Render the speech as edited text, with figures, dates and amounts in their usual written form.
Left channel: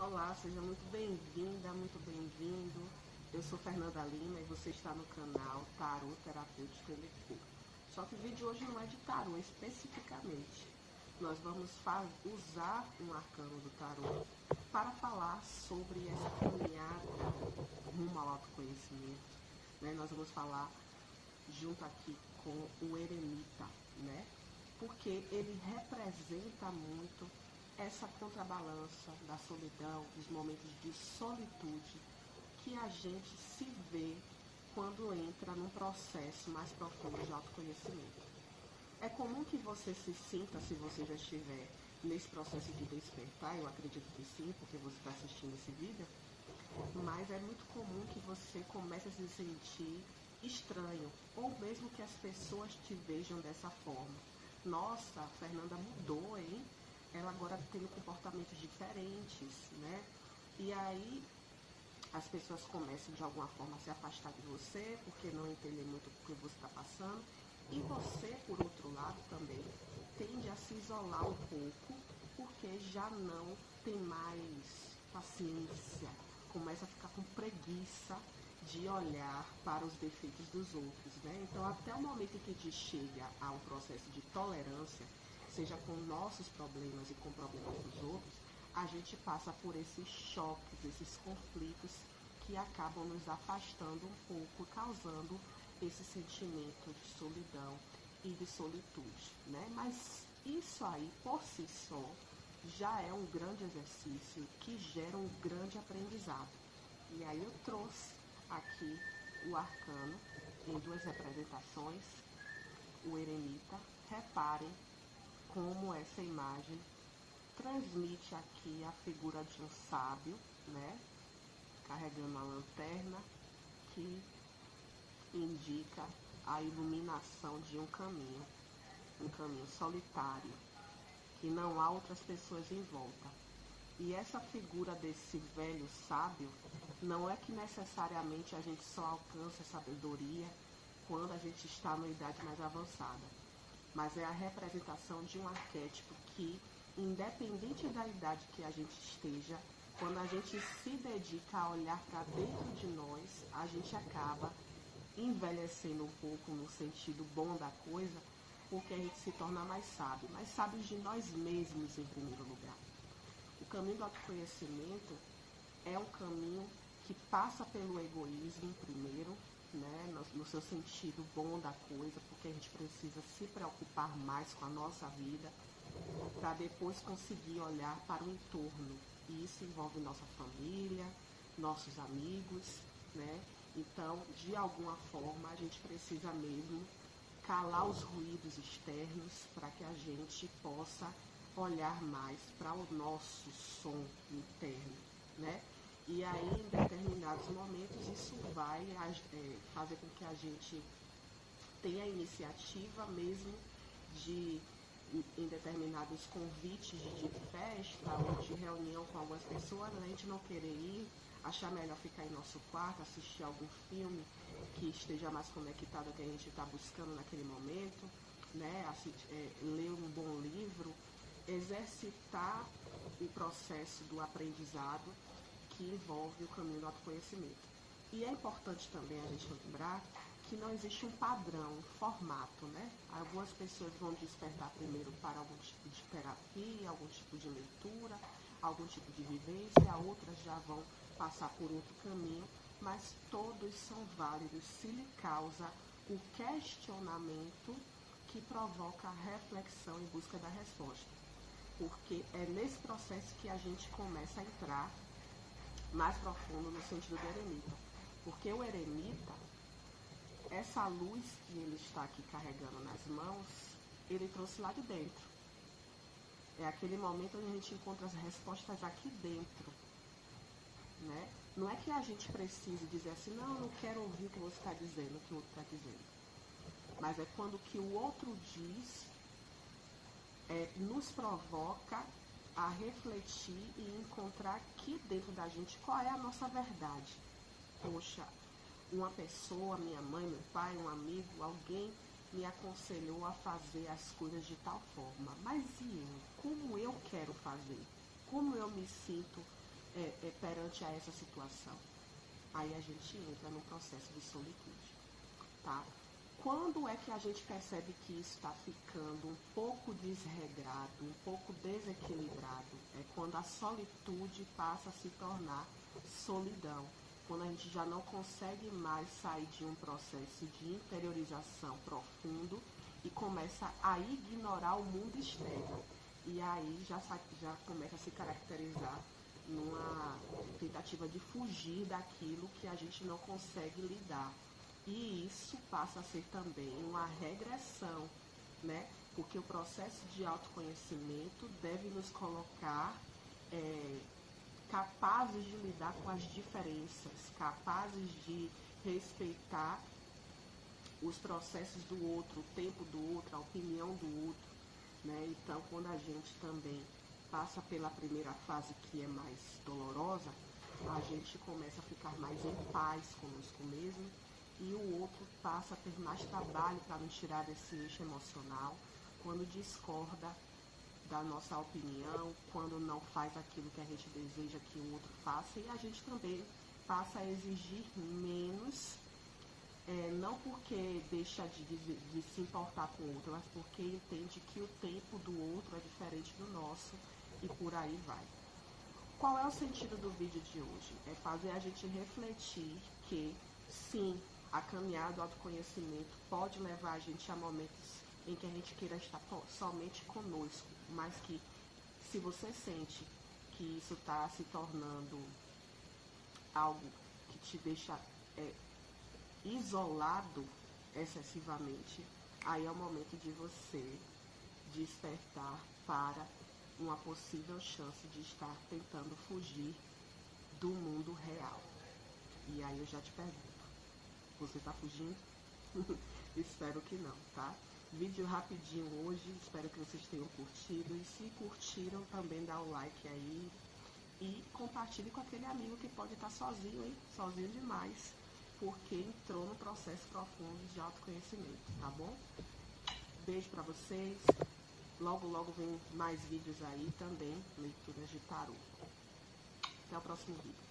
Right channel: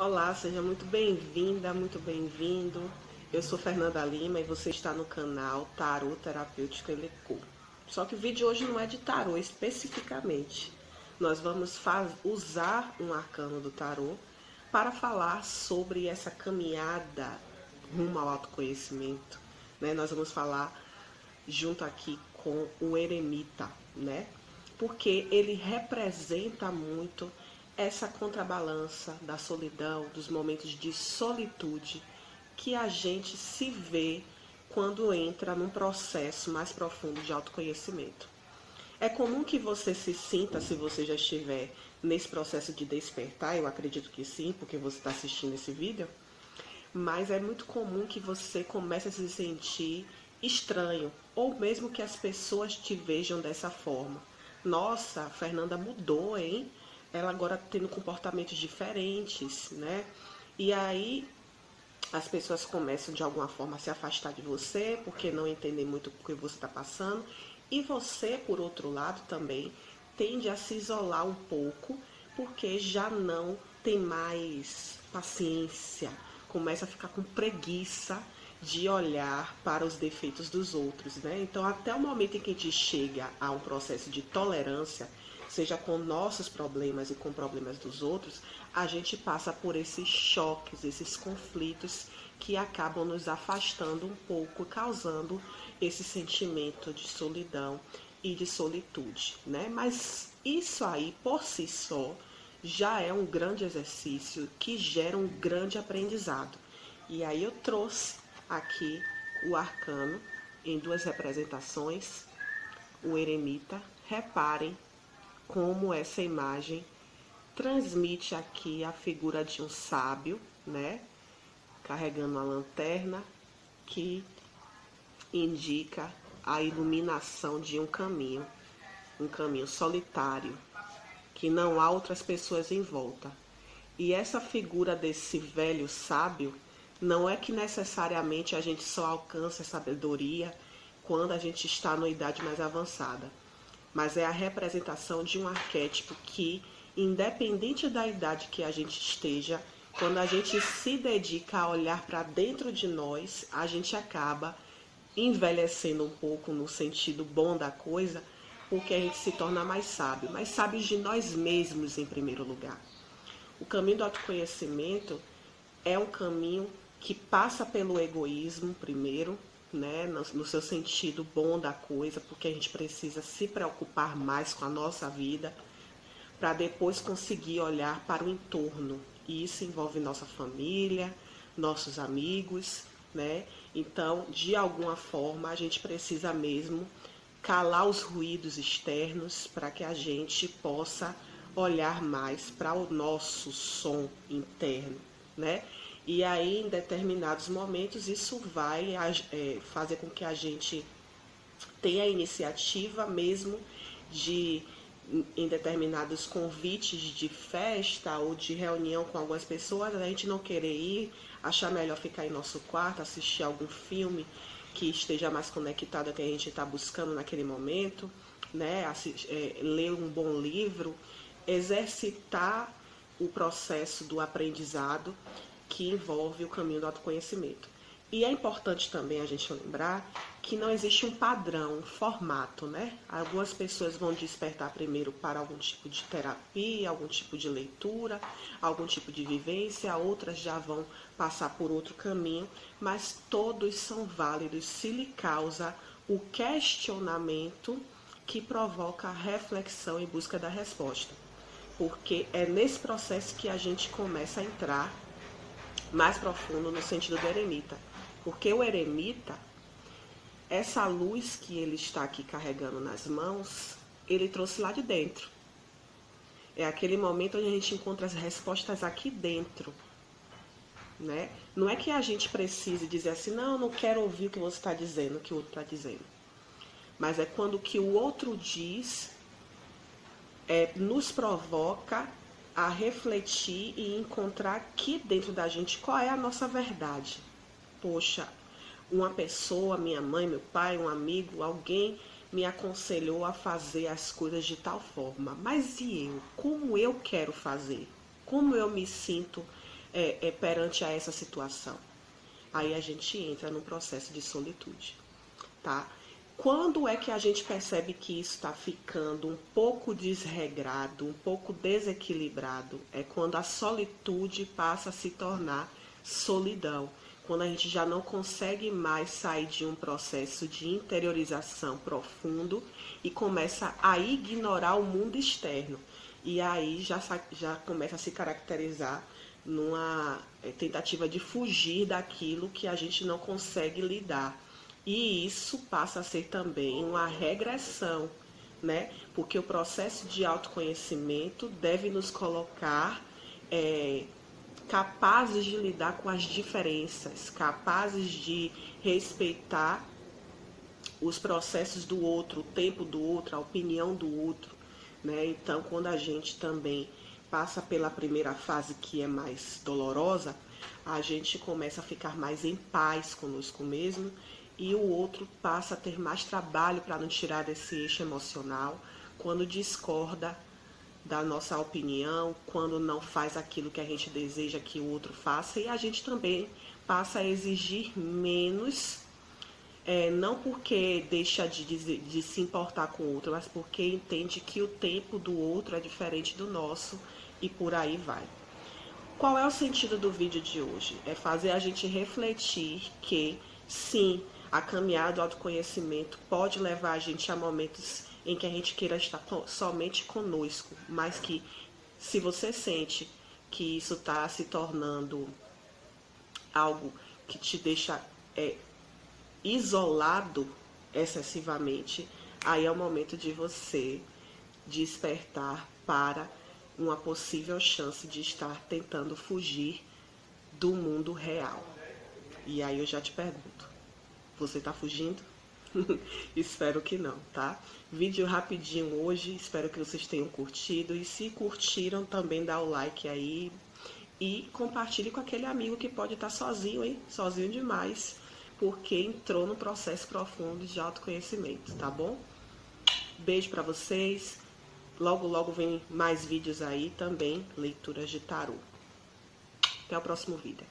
Olá, seja muito bem-vinda, muito bem-vindo. Eu sou Fernanda Lima e você está no canal Tarô Terapêutico Elecô. Só que o vídeo hoje não é de tarô especificamente. Nós vamos usar um arcano do tarô para falar sobre essa caminhada rumo ao autoconhecimento, né? Nós vamos falar junto aqui com o eremita, né? Porque ele representa muito essa contrabalança da solidão, dos momentos de solitude que a gente se vê quando entra num processo mais profundo de autoconhecimento. É comum que você se sinta, se você já estiver nesse processo de despertar, eu acredito que sim, porque você está assistindo esse vídeo, mas é muito comum que você comece a se sentir estranho, ou mesmo que as pessoas te vejam dessa forma. Nossa, a Fernanda mudou, hein? Ela agora tá tendo comportamentos diferentes, né? E aí as pessoas começam de alguma forma a se afastar de você, porque não entendem muito o que você está passando. E você, por outro lado, também tende a se isolar um pouco, porque já não tem mais paciência, começa a ficar com preguiça de olhar para os defeitos dos outros, né? Então, até o momento em que a gente chega a um processo de tolerância, seja com nossos problemas e com problemas dos outros, a gente passa por esses choques, esses conflitos que acabam nos afastando um pouco, causando esse sentimento de solidão e de solitude, né? Mas isso aí, por si só, já é um grande exercício que gera um grande aprendizado. E aí eu trouxe aqui o arcano em duas representações, o eremita. Reparem como essa imagem transmite aqui a figura de um sábio, né? Carregando uma lanterna que indica a iluminação de um caminho solitário, que não há outras pessoas em volta. E essa figura desse velho sábio não é que necessariamente a gente só alcança a sabedoria quando a gente está numa idade mais avançada, mas é a representação de um arquétipo que, independente da idade que a gente esteja, quando a gente se dedica a olhar para dentro de nós, a gente acaba envelhecendo um pouco no sentido bom da coisa, porque a gente se torna mais sábio, mas sábios de nós mesmos em primeiro lugar. O caminho do autoconhecimento é um caminho que passa pelo egoísmo primeiro, né, no seu sentido bom da coisa, porque a gente precisa se preocupar mais com a nossa vida para depois conseguir olhar para o entorno. E isso envolve nossa família, nossos amigos, né? Então, de alguma forma, a gente precisa mesmo calar os ruídos externos para que a gente possa olhar mais para o nosso som interno, né? E aí, em determinados momentos, isso vai fazer com que a gente tenha a iniciativa mesmo de, em determinados convites de festa ou de reunião com algumas pessoas, a gente não querer ir, achar melhor ficar em nosso quarto, assistir algum filme que esteja mais conectado ao que a gente está buscando naquele momento, né? Ler um bom livro, exercitar o processo do aprendizado que envolve o caminho do autoconhecimento. E é importante também a gente lembrar que não existe um padrão, um formato, né? Algumas pessoas vão despertar primeiro para algum tipo de terapia, algum tipo de leitura, algum tipo de vivência, outras já vão passar por outro caminho, mas todos são válidos se lhe causa o questionamento que provoca a reflexão em busca da resposta. Porque é nesse processo que a gente começa a entrar mais profundo no sentido do eremita. Porque o eremita, essa luz que ele está aqui carregando nas mãos, ele trouxe lá de dentro. É aquele momento onde a gente encontra as respostas aqui dentro, né? Não é que a gente precise dizer assim, não, eu não quero ouvir o que você está dizendo, o que o outro está dizendo. Mas é quando o que o outro diz nos provoca a refletir e encontrar aqui dentro da gente qual é a nossa verdade. Poxa, uma pessoa, minha mãe, meu pai, um amigo, alguém me aconselhou a fazer as coisas de tal forma. Mas e eu? Como eu quero fazer? Como eu me sinto perante a essa situação? Aí a gente entra no processo de solitude, tá? Quando é que a gente percebe que isso está ficando um pouco desregrado, um pouco desequilibrado? É quando a solitude passa a se tornar solidão. Quando a gente já não consegue mais sair de um processo de interiorização profundo e começa a ignorar o mundo externo. E aí já começa a se caracterizar numa tentativa de fugir daquilo que a gente não consegue lidar. E isso passa a ser também uma regressão, né? Porque o processo de autoconhecimento deve nos colocar capazes de lidar com as diferenças, capazes de respeitar os processos do outro, o tempo do outro, a opinião do outro, né? Então, quando a gente também passa pela primeira fase, que é mais dolorosa, a gente começa a ficar mais em paz conosco mesmo, e o outro passa a ter mais trabalho para nos tirar desse eixo emocional, quando discorda da nossa opinião, quando não faz aquilo que a gente deseja que o outro faça, e a gente também passa a exigir menos, não porque deixa de se importar com o outro, mas porque entende que o tempo do outro é diferente do nosso, e por aí vai. Qual é o sentido do vídeo de hoje? É fazer a gente refletir que, sim, a caminhada do autoconhecimento pode levar a gente a momentos em que a gente queira estar somente conosco, mas que, se você sente que isso está se tornando algo que te deixa isolado excessivamente, aí é o momento de você despertar para uma possível chance de estar tentando fugir do mundo real. E aí eu já te pergunto, você está fugindo? Espero que não, tá? Vídeo rapidinho hoje, espero que vocês tenham curtido. E se curtiram, também dá o like aí. E compartilhe com aquele amigo que pode estar sozinho, hein? Sozinho demais, porque entrou no processo profundo de autoconhecimento, tá bom? Beijo pra vocês. Logo, logo vem mais vídeos aí também, leituras de tarô. Até o próximo vídeo.